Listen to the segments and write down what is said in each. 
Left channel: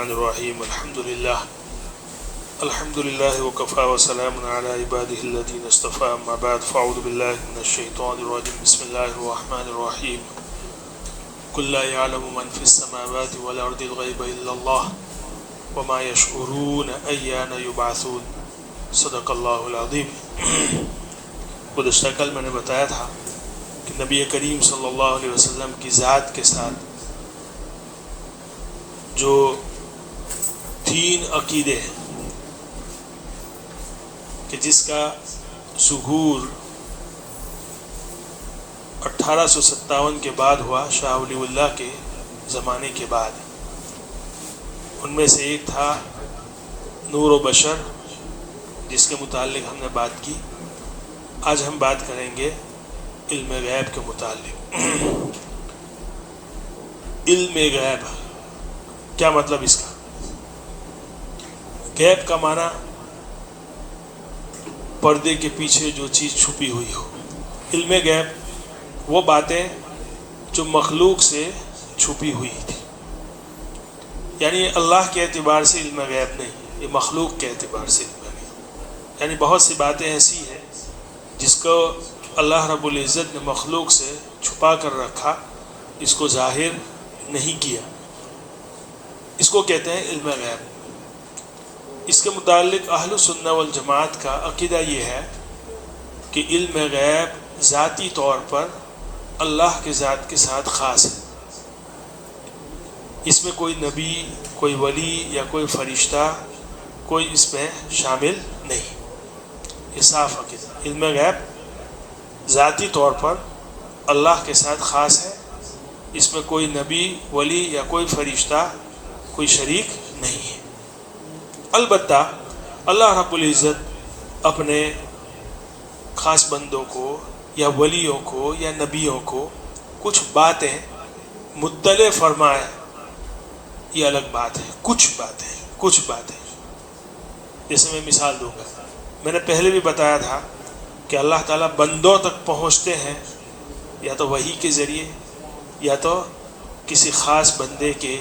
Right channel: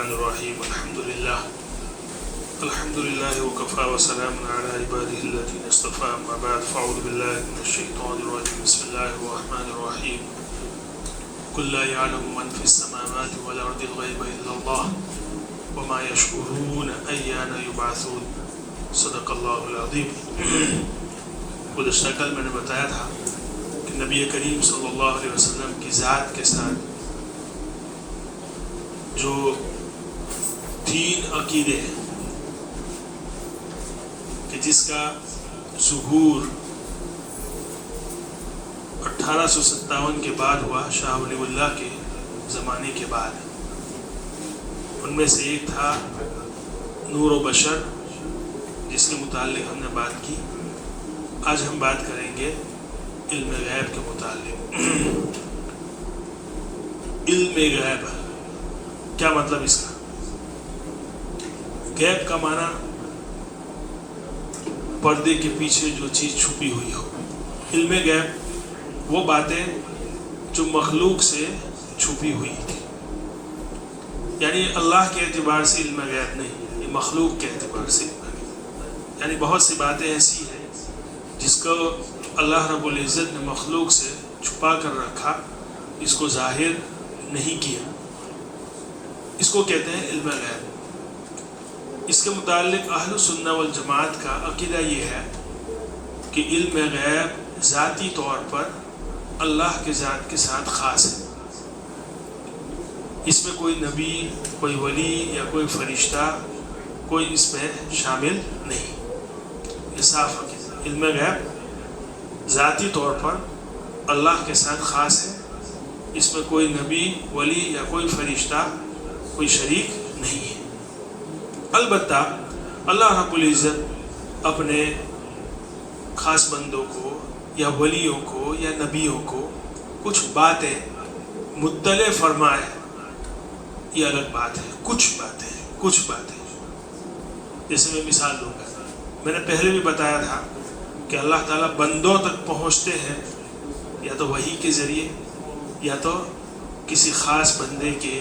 الرحمن الرحیم الحمد للہ وکفی وسلام علی عبادہ الذین اصطفی اما بعد فاعوذ باللہ من الشیطان الرجیم بسم اللہ الرحمن الرحیم قل لا یعلم من فی السماوات والارض الغیب الا اللہ وما یشعرون ایان یبعثون صدق اللہ العظیم۔ گزشتہ کل میں نے بتایا تھا کہ نبی کریم صلی اللہ علیہ وسلم کی ذات کے ساتھ جو 3 عقیدے ہیں کہ جس کا ظہور 1857 کے بعد ہوا، شاہ ولی اللہ کے زمانے کے بعد، ان میں سے ایک تھا نور و بشر، جس کے متعلق ہم نے بات کی۔ آج ہم بات کریں گے علم غیب کے متعلق۔ علم غیب کیا مطلب اس کا؟ غیب کا معنی پردے کے پیچھے جو چیز چھپی ہوئی ہو۔ علم غیب وہ باتیں جو مخلوق سے چھپی ہوئی تھی، یعنی اللہ کے اعتبار سے علم غیب نہیں، یہ مخلوق کے اعتبار سے علم غیب۔ یعنی بہت سی باتیں ایسی ہیں جس کو اللہ رب العزت نے مخلوق سے چھپا کر رکھا، اس کو ظاہر نہیں کیا، اس کو کہتے ہیں علم غیب۔ اس کے متعلق اہل سنہ والجماعت کا عقیدہ یہ ہے کہ علم غیب ذاتی طور پر اللہ کے ذات کے ساتھ خاص ہے، اس میں کوئی نبی، کوئی ولی یا کوئی فرشتہ کوئی اس میں شامل نہیں۔ یہ صاف عقیدہ، علم غیب ذاتی طور پر اللہ کے ساتھ خاص ہے، اس میں کوئی نبی، ولی یا کوئی فرشتہ کوئی شریک نہیں ہے۔ البتہ اللہ رب العزت اپنے خاص بندوں کو یا ولیوں کو یا نبیوں کو کچھ باتیں مطلع فرمائے، یہ الگ بات ہے۔ کچھ باتیں جیسے میں مثال دوں گا، میں نے پہلے بھی بتایا تھا کہ اللہ تعالیٰ بندوں تک پہنچتے ہیں یا تو وحی کے ذریعے یا تو کسی خاص بندے کے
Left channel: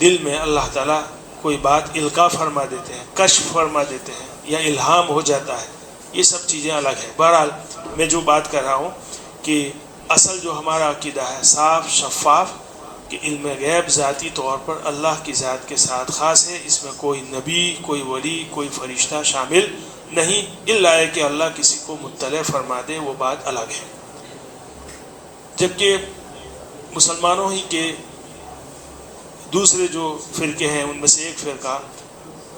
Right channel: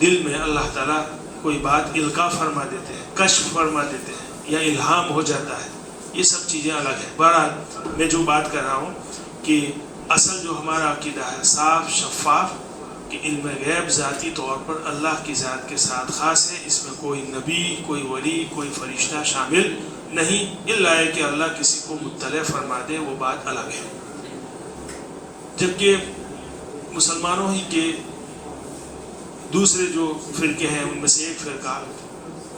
دل میں اللہ تعالیٰ کوئی بات القاء فرما دیتے ہیں، کشف فرما دیتے ہیں یا الہام ہو جاتا ہے۔ یہ سب چیزیں الگ ہیں۔ بہرحال میں جو بات کر رہا ہوں کہ اصل جو ہمارا عقیدہ ہے صاف شفاف کہ علم غیب ذاتی طور پر اللہ کی ذات کے ساتھ خاص ہے، اس میں کوئی نبی، کوئی ولی، کوئی فرشتہ شامل نہیں، الا ہے کہ اللہ کسی کو مطلع فرما دے، وہ بات الگ ہے۔ جبکہ مسلمانوں ہی کے دوسرے جو فرقے ہیں ان میں سے ایک فرقہ،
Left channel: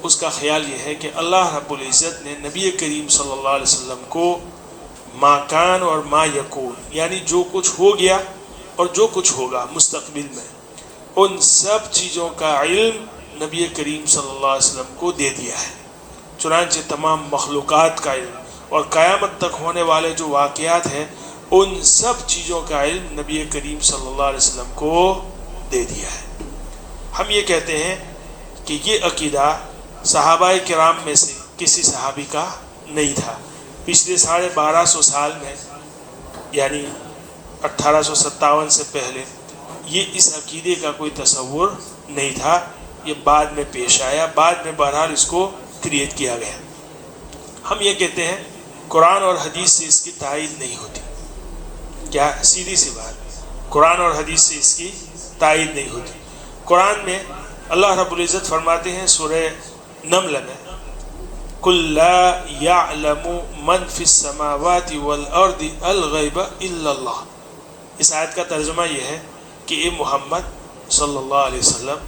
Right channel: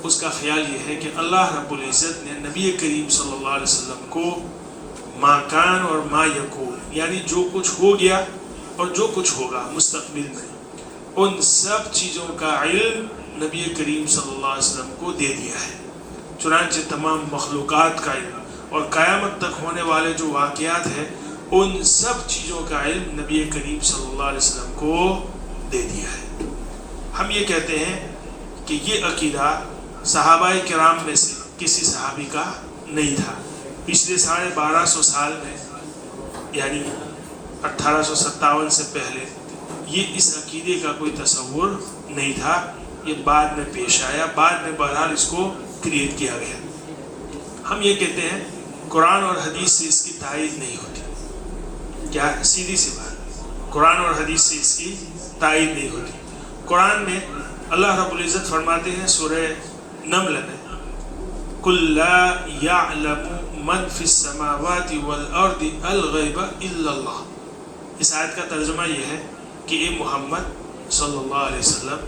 اس کا خیال یہ ہے کہ اللہ رب العزت نے نبی کریم صلی اللہ علیہ وسلم کو ما کان اور ما یکون، یعنی جو کچھ ہو گیا اور جو کچھ ہوگا مستقبل میں، ان سب چیزوں کا علم نبی کریم صلی اللہ علیہ وسلم کو دے دیا ہے۔ چنانچہ تمام مخلوقات کا علم اور قیامت تک ہونے والے جو واقعات ہیں ان سب چیزوں کا علم نبی کریم صلی اللہ علیہ وسلم کو دے دیا ہے۔ ہم یہ کہتے ہیں کہ یہ عقیدہ صحابہ کرام میں سے کسی صحابی کا نہیں تھا۔ پچھلے 1250 سال میں، یعنی 1857 سے پہلے، یہ اس عقیدے کا کوئی تصور نہیں تھا، یہ بعد میں پیش آیا، بعد میں بہرحال اس کو کریٹ کیا گیا۔ ہم یہ کہتے ہیں قرآن اور حدیث سے اس کی تائید نہیں ہوتی۔ کیا؟ سیدھی سی بات، قرآن اور حدیث سے اس کی تائید نہیں ہوتی۔ قرآن میں اللہ رب العزت فرماتے ہیں سورہ نمل میں، قُلْ لَا يَعْلَمُ مَنْ فِي السَّمَاوَاتِ وَالْأَرْضِ الْغَيْبَ إِلَّا اللَّهُ۔ اس آیت کا ترجمہ یہ ہے کہ اے محمد صلی اللہ علیہ وسلم،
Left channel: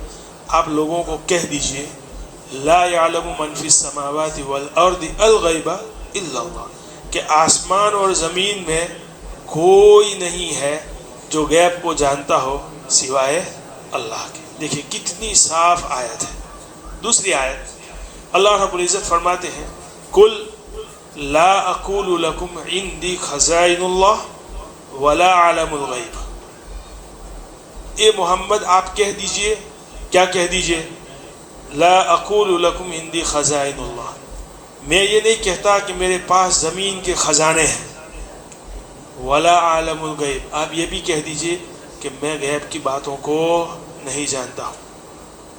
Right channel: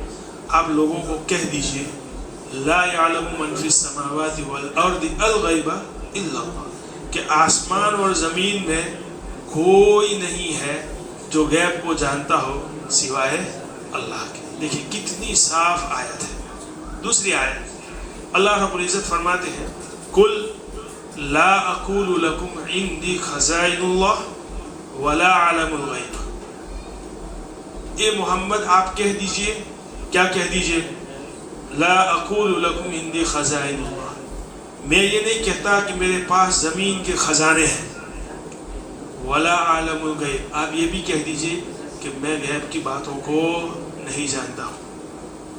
آپ لوگوں کو کہہ دیجئے لا يعلم من فی السماوات والارض الغیب الا اللہ، کہ آسمان اور زمین میں کوئی نہیں ہے جو غیب کو جانتا ہو سوائے اللہ کے۔ دیکھیں کتنی صاف آیت ہے۔ دوسری آیت اللہ رب العزت فرماتے ہیں قل لا اقول لکم عندی خزائن اللہ ولا اعلم الغیب۔ اے محمد آپ کہہ دیجئے، کیا کہہ دیجئے؟ لا اقول لکم عندی خزائن اللہ، میں یہ نہیں کہتا کہ میرے پاس زمین کے خزانے ہیں، ولا اعلم الغیب، آپ یہ بھی کہہ دیجئے کہ میں غیب کی باتوں کو نہیں جانتا ہوں۔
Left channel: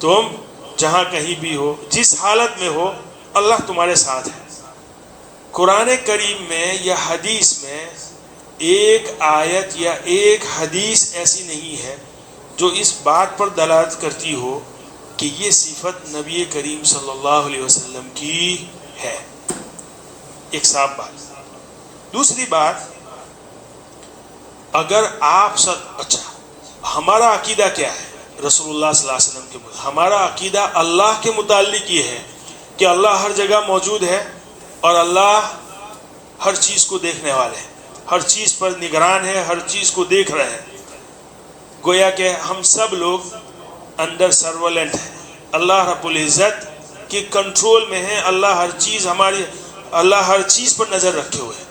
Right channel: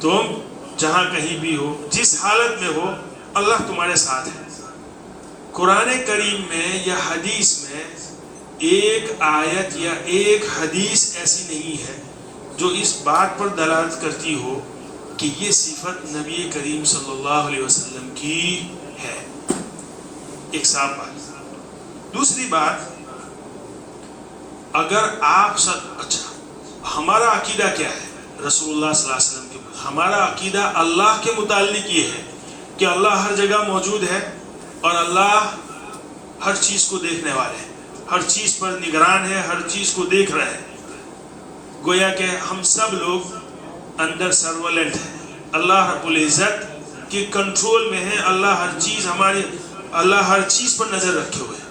تم جہاں کہیں بھی ہو، جس حالت میں ہو، اللہ تمہارے ساتھ ہے۔ قرآن کریم میں یا حدیث میں ایک آیت یا ایک حدیث ایسی نہیں ہے جو اس بات پر دلالت کرتی ہو کہ یہ صفت نبی کریم صلی اللہ علیہ وسلم کی ہے۔ ایک صاف بات۔ دوسری بات، اگر آپ اچھا ہمارا عقیدہ کیا ہے رسول اللہ صلی اللہ علیہ وسلم کے بعد؟ ہمارا عقیدہ اللہ کے متعلق یہ ہے کہ اللہ ہر جگہ موجود ہے اور اللہ ہر چیز کو دیکھنے والے ہیں، ہر چیز پر نگران ہے، ہر چیز کو دیکھ رہے ہیں۔ گویا کہ ہم سب لوگ اندر سرولنٹ ہیں، اللہ رب العزت کے کنٹرول میں ہیں، اللہ ہر چیز پر نظر رکھے ہوئے ہیں۔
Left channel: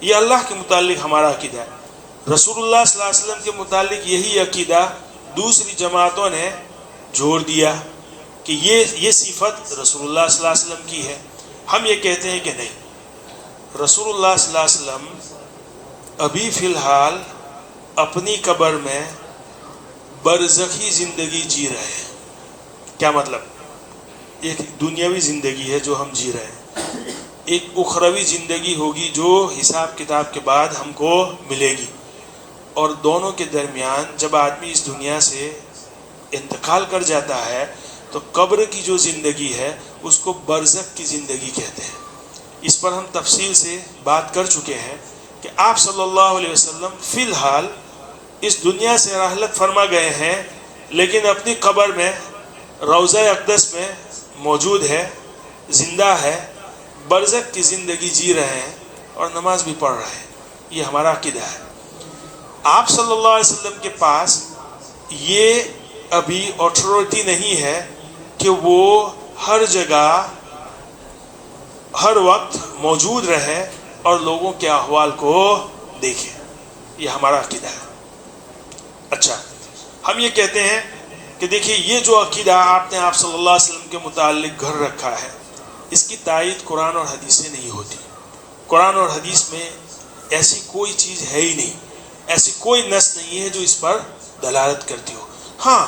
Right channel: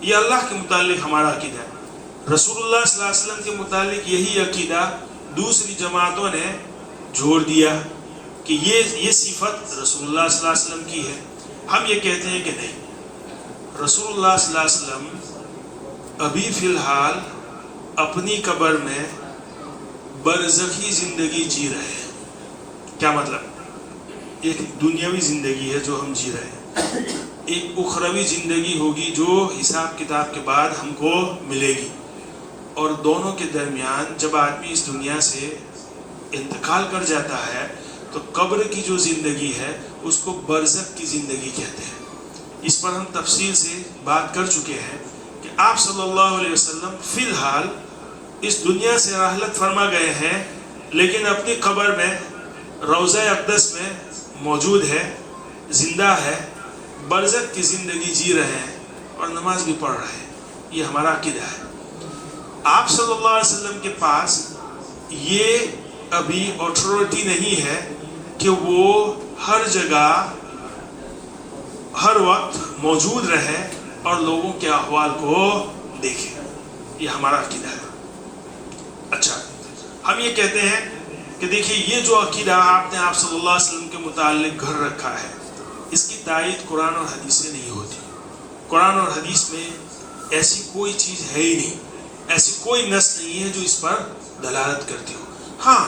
یہ اللہ کے متعلق ہمارا عقیدہ ہے۔ رسول اللہ صلی اللہ علیہ وسلم کے متعلق یہی عقیدہ دوسری جماعتوں نے جوڑ دیا کہ یہ صفت رسول اللہ صلی اللہ علیہ وسلم کی ہے۔ ہم یہ کہتے ہیں کہ نہیں، رسول اللہ صلی اللہ علیہ وسلم ابھی فی الحال اپنی قبر میں برزخی زندگی جی رہے ہیں۔ کیا مطلب؟ ایک دنیاوی زندگی ہے جو ہم جی رہے ہیں، ایک اخروی زندگی ہوگی جو حساب کتاب کے بعد ہم کو ملے گی، اور دونوں کے درمیان جب آدمی اس دنیا سے انتقال کر جاتا ہے تو قبر کی جو زندگی ہے اس کو برزخ کی زندگی کہتے ہیں۔ اس پر ہم تفصیل سے بات کر چکے ہیں کہ آپ صلی اللہ علیہ وسلم فی الحال اس دنیا سے رحلت فرما گئے ہیں، لیکن اپنی قبر میں روضہ اقدس میں موجود ہے، زندہ ہے، برزخ کی زندگی جی رہے ہیں اور نماز بھی پڑھ رہے ہیں۔ یہ ہمارا عقیدہ ہے۔ آپ صلی اللہ علیہ وسلم کے پاس یہ ابھی اتھارٹی نہیں ہے کہ وہ ہر جگہ ہر وقت موجود رہے اور لوگوں کے احوال کو دیکھے۔ یہ ہمارا عقیدہ ہے۔ اچھا، ہم یہ کہتے ہیں کہ دیکھیے یہ جو عقیدہ آپ نے آپ صلی اللہ علیہ وسلم کے متعلق گھر رکھا ہے، اس کی تائید قرآن اور حدیث سے نہیں ہوتی۔ قرآن اور حدیث میں ایسی کوئی چیز ہے ہی نہیں، ایسی کوئی نص نہیں ہے جو اس پر دلالت کرتی ہو۔ ہاں،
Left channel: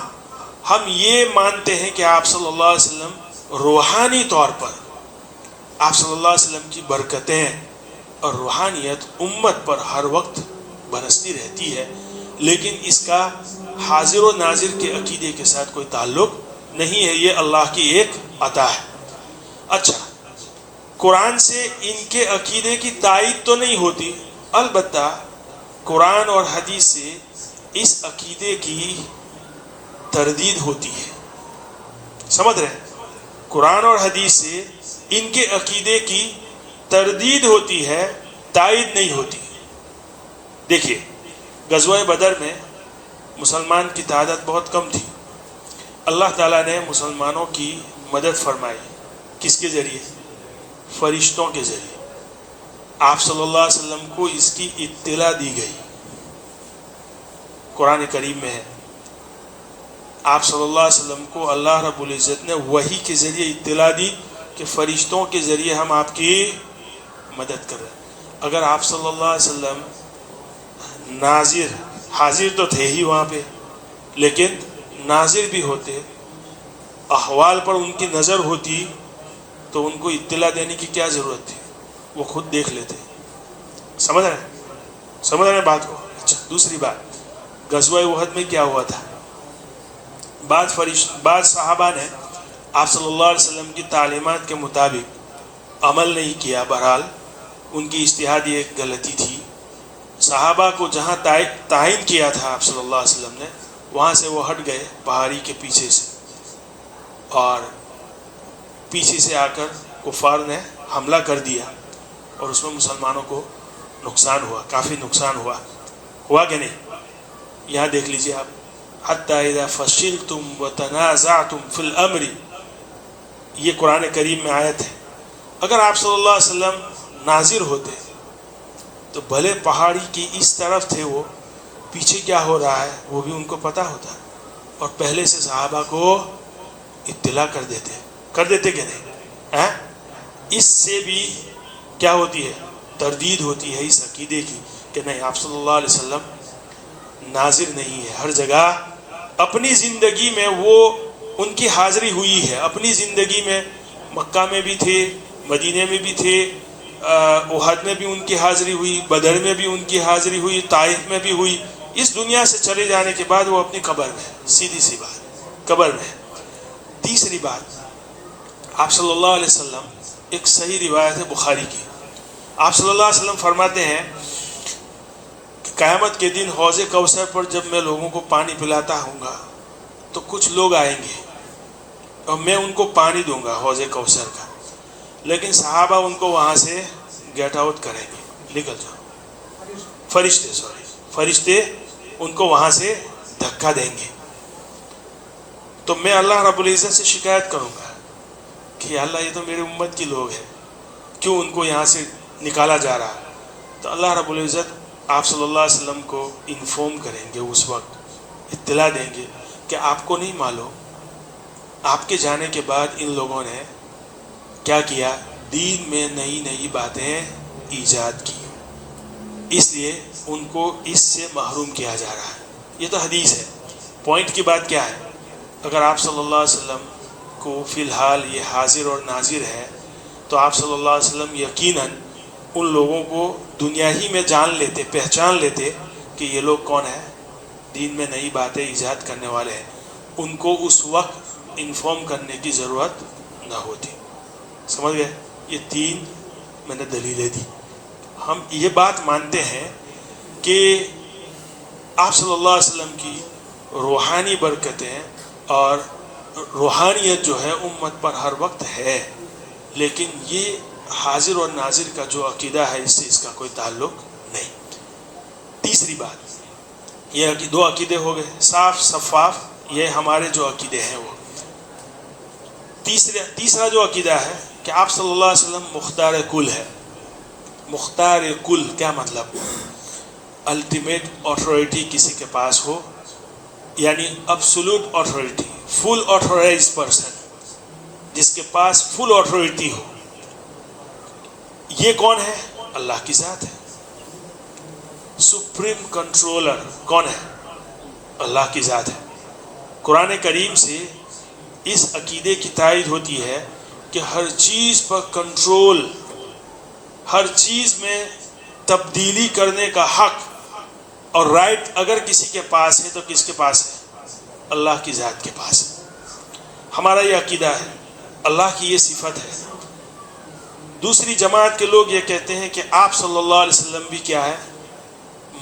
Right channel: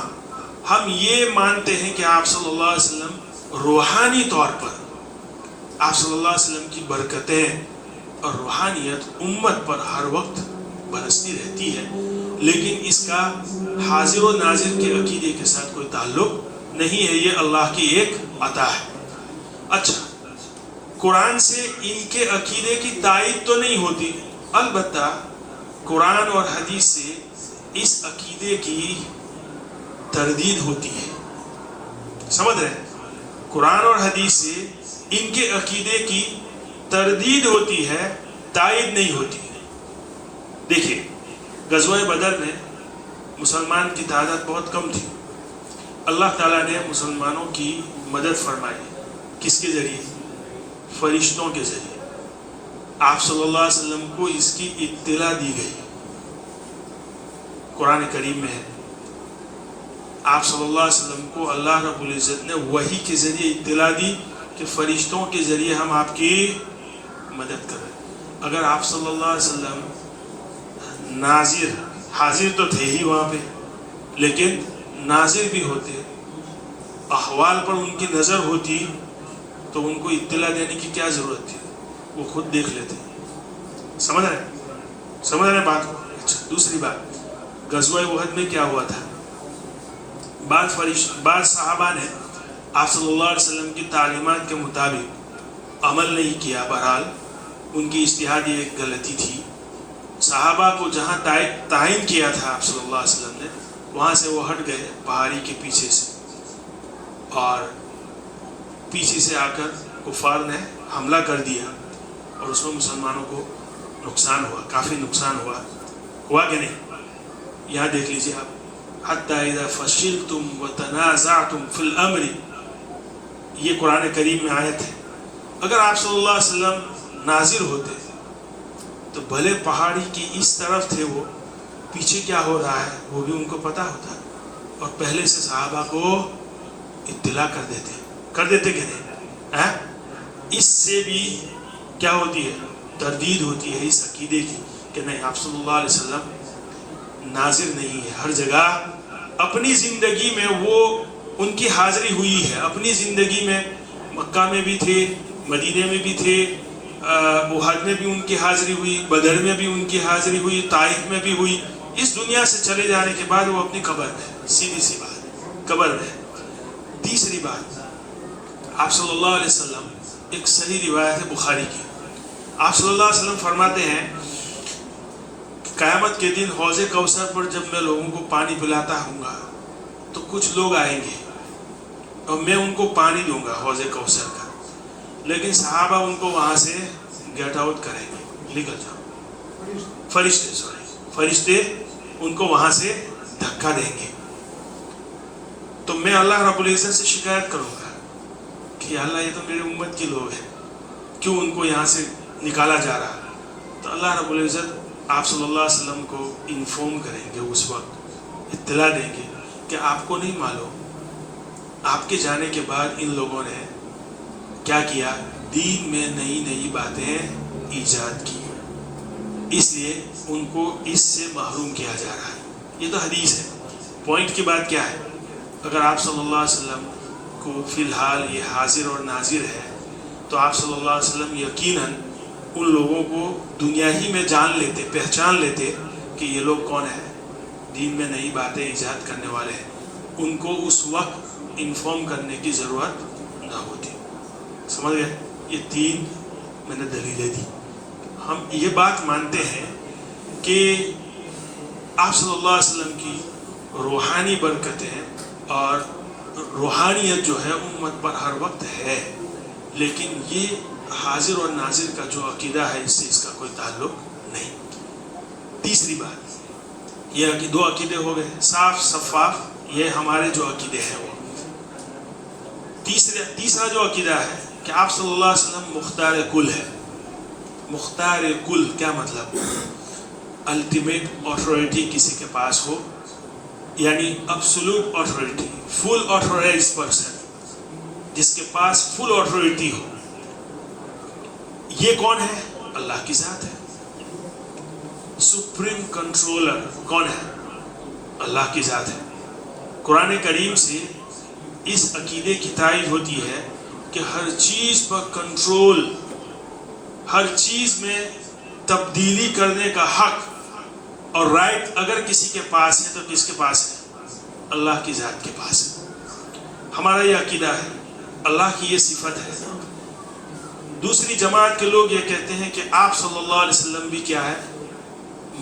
ہم یہ مانتے ہیں کہ آپ صلی اللہ علیہ وسلم روحانی طور پر آپ صلی اللہ علیہ وسلم کی برکتیں اور روحانیت امت پر ہر وقت برستی رہتی ہے، لیکن اس کا حاضر و ناظر کے عقیدے کے ساتھ کوئی تعلق نہیں ہے، یہ اللہ کی ایک عطا ہے۔ اچھا، قرآن سے ان کے عقیدے کی تائید تو نہیں ہوتی، البتہ قرآن اور حدیث سے اس عقیدے کی تردید ہوتی ہے۔ سمجھ رہے ہیں؟ قرآن اور حدیث سے ان کے عقیدے کی تردید ہوتی ہے، تائید نہیں ہوتی۔ دیکھیے، غزوہ بدر میں مسلمان کی تعداد بہت کم تھی، اللہ تعالیٰ نے مسلمانوں کی مدد فرمائی۔ کس کے ذریعے؟ فرشتوں کے ذریعے۔ آپ صلی اللہ علیہ وسلم کو اس کی اطلاع دی گئی، قرآن کریم میں ہے۔ آپ صلی اللہ علیہ وسلم کو اللہ رب العزت نے وحی کے ذریعے اطلاع دی کہ فرشتوں کے ذریعے ہم آپ کی مدد کر رہے ہیں۔ اگر آپ صلی اللہ علیہ وسلم حاضر تو تھے ہی وہاں پہ، لیکن ناظر بھی ہوتے، احوال پر ان کی نظر ہوتی، تو ان کو اطلاع دینے کی کیا ضرورت تھی؟ وہ خود دیکھ لیتے۔ سمجھ رہے ہیں بات کو؟ اچھا، دوسری بات، غزوہ احد میں کیا ہوا تھا؟ بعض صحابہ نے آپ صلی اللہ علیہ وسلم کی تعلیمات کے مطابق عمل نہیں کیا۔ بہرحال ان کی اجتہادی ایک غلطی تھی۔ صحابہ کو جہاں تعین کیا تھا آپ صلی اللہ علیہ وسلم نے، وہاں سے وہ ہٹ گئے پہاڑی کے پیچھے سے، اور پیچھے سے آ کر کفار نے حملہ کر دیا، اور اس میں مسلمانوں کو نقصان ہوا، کافی نقصان ہوا کہ نہیں؟ یہاں دیکھ لیجئے آپ، حَتَّى إِذَا فَشِلْتُمْ وَتَنَازَعْتُمْ فِي الْأَمْرِ، یہ قرآن کریم میں آیت ہے۔ اگر آپ صلی اللہ علیہ وسلم ناظر ہوتے تو بھلے پہاڑی کی اس طرف تھے، وہ پیچھے کیا ہو رہا ہے وہ بھی ان کو پتہ ہوتا، اور پہلے سے صحابہ کو اطلاع کر دیتے کہ نہیں؟ اس سے بھی کیا ہوتی ہے؟ تردید ہوتی ہے اس عقیدے کی کہ نہیں، آپ صلی اللہ علیہ وسلم ناظر نہیں ہے، ہر جگہ اپنی زندگی میں وہ ان کی حاضری ہوئی ہے اپنی زندگی میں. مکہ میں بھی تھے، مدینے میں بھی تھے، احد میں بھی ان کی حاضری ہوئی، بدر میں بھی ان کی حاضری ہوئی، طائف میں بھی ہوئی. اس دنیا سے چلے جانے کے بعد وہ اپنی قبر میں، سیدھی سی بات، قبر میں. تیسری بات، آپ صلی اللہ علیہ وسلم، ایک صحیح روایت ہے بخاری کی، آپ صلی اللہ علیہ وسلم فرماتے ہیں کہ قیامت کے دن حوض کوثر پر جب میں لوگوں کو پانی پلاتا ہوں گا تو کچھ لوگ آئیں گے اور میں ان کو پانی دوں گا حوض کوثر کا، لیکن صحابہ ان کو وہاں سے گیٹ آؤٹ کریں گے، نکل جاؤ. فرشتے ان کو وہاں سے دھکا دیں گے. تو میں اللہ رب العزت سے شکایت کروں گا کہ اللہ یہ تو میرے امت کے لوگ ہیں، کیوں ان کو یہاں سے نکالا جا رہا ہے؟ تو اللہ رب العزت آپ صلی اللہ علیہ وسلم کو انفارم کریں گے، اس وقت اطلاع دیں گے کہ آپ کو نہیں معلوم آپ کے جانے کے بعد ان لوگوں نے کیا کیا، دین میں نئی نئی باتیں ایجاد کی، اس لیے ان کو اس سے محروم کیا جا رہا ہے. یہ تو حدیث ہے. پوائنٹ کی بات کیا ہے؟ اگر آپ صلی اللہ علیہ وسلم کو فی الحال یہ حاضر اور ناظر ہے تو آپ صلی اللہ علیہ وسلم یقیناً ان لوگوں کو دنیا ہی میں جان لیتے، پہچان لیتے کہ یہ لوگ کون ہیں، دین میں نئی باتیں ایجاد کرنے والے ہیں. ان کو اس وقت انفارم کرنے کی ضرورت نہ ہوتی. سمجھ گئے؟ یہ تین میں نے دلیلیں دی. ہم یہ بات مانتے ہیں کہ آپ صلی اللہ علیہ وسلم کی روحانی برکتیں اور روحانیت جو ہے امت پر ہر وقت ہے، لیکن یہ حاضر اور ناظر کا جو عقیدہ ہے اس سے اس کا کوئی تعلق نہیں. تیسری بات، یہ دو عقیدے ہو گئے صاف شفاف، یہ ہمارے جو عقیدے ہیں وہ. تیسرا جو عقیدہ ہے کہ آپ صلی اللہ علیہ وسلم مختار کل ہے. مختار کل کیا مطلب؟ الٹیمیٹ آتھورٹی کسی کے پاس ہو، یعنی ابسولوٹ آتھورٹی، فل آتھورائزڈ پرسن، جس کے پاس فل آتھورٹی ہو. یہ کون ہے؟ اللہ کی ذات ہے. سپریم کنٹرولر کون ہے؟ اللہ کی ذات ہے. قرآن کریم سے اس عقیدے کی تائید ہوتی ہے کہ ہر چیز پر کنٹرول، ہر چیز میں تبدیلی کرنے کا حق اور رائٹ اگر کسی کے پاس ہے تو کس کے پاس ہے؟ اللہ کی ذات کے پاس ہے. ہمارا یہ عقیدہ ہے، اللہ کی یہ صفت ہے. دوسری جماعت کے لوگ یہ کہتے ہیں کہ آپ صلی اللہ علیہ وسلم بھی کیا ہے؟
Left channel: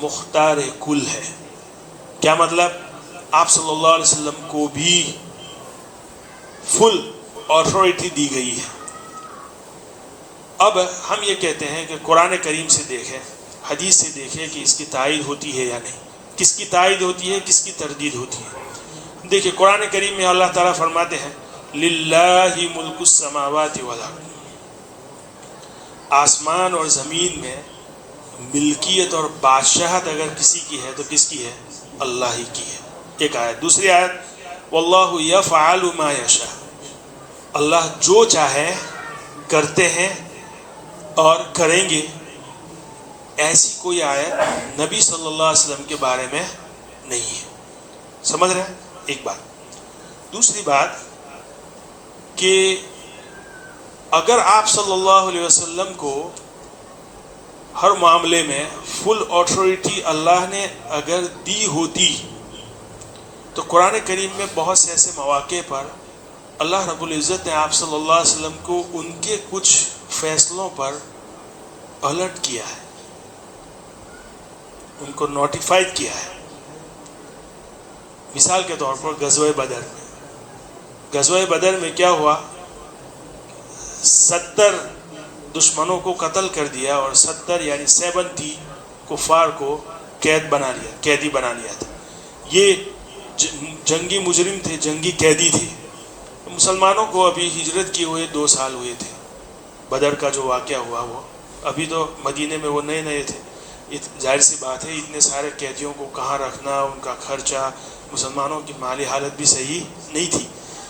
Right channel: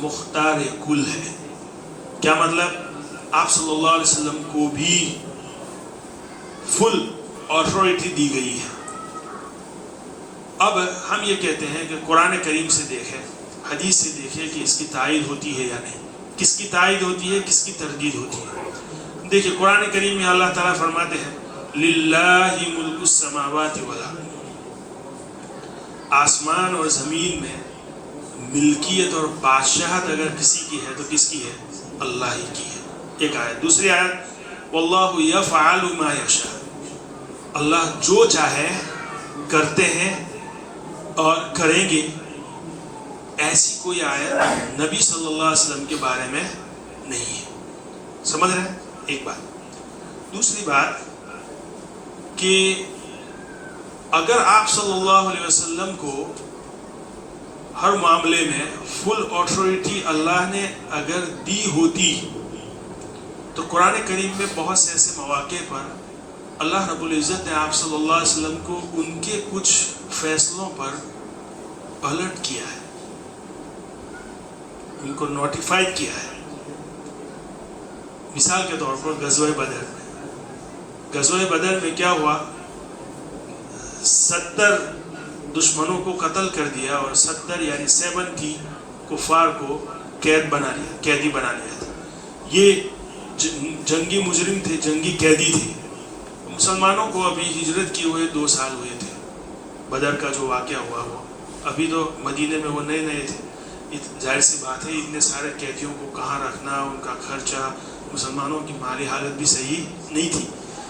مختار کل ہے. کیا مطلب؟ آپ صلی اللہ علیہ وسلم کو بھی فل آتھورٹی دی گئی ہے. اب ہم یہ کہتے ہیں کہ قرآن کریم سے دیکھیں، حدیث سے دیکھیں کہ اس کی تائید ہوتی ہے یا نہیں، کس کی تائید ہوتی ہے، کس کی تردید ہوتی ہے. دیکھیں قرآن کریم میں اللہ تعالیٰ فرماتے ہیں للہ ملک السماوات والارض، آسمان اور زمین میں ملکیت اور بادشاہت اگر کسی کی ہے تو کس کی ہے؟ اللہ ہی کی ہے. ایک آیت. دوسری آیت واللہ یفعل ما یشاء، اللہ جو چاہے کرتے ہیں اور کریں گے. ایسی کوئی آیت نبی صلی اللہ علیہ وسلم کے بارے میں نہیں ہے. سمجھ رہے ہیں؟ ایک بات. دوسری بات کہ اگر آپ صلی اللہ علیہ وسلم کو ہر معاملے میں فل آتھورٹی اللہ نے اگر دی ہوتی تو قرآن کریم میں بہت سے ایسے مواقع پر اللہ رب العزت نے آپ صلی اللہ علیہ وسلم کو ان کے کچھ فیصلوں پر الرٹ کیا ہے، ان کو نوٹیفائڈ کیا ہے. مثال کے طور پر غزوہ بدر، غزوہ بدر میں کیا ہوا؟ 70 دشمنوں کو قتل کر دیا اور 70 یعنی 70 کفار کو قیدی بنا لیا تھا. یہ جنگی مجرم تھے، جنگی قیدی تھے. مسلمانوں کو ابھی ہجرت کیے ہوئے 2 سال ہوئے تھے. بدر کا جو واقعہ ہوا وہ ابھی تو مدینے میں وہ نئے تھے. ظاہر سی بات ہے اتنے سارے قیدیوں کو کہاں رکھنا، ان کا خرچہ، مسلمانوں کی مالی حالت بھی صحیح نہیں تھی.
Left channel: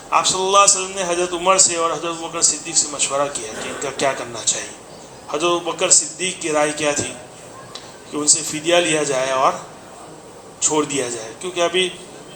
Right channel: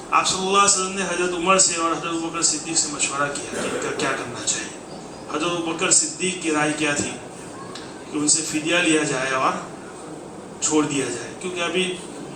آپ صلی اللہ علیہ وسلم نے حضرت عمر سے اور حضرت ابوبکر صدیق سے مشورہ کیا کہ ان کا کیا کرنا چاہیے. حضرت ابوبکر صدیق کی رائے کیا تھی کہ ان سے فدیہ لیا جائے اور چھوڑ دیا جائے، کیونکہ ابھی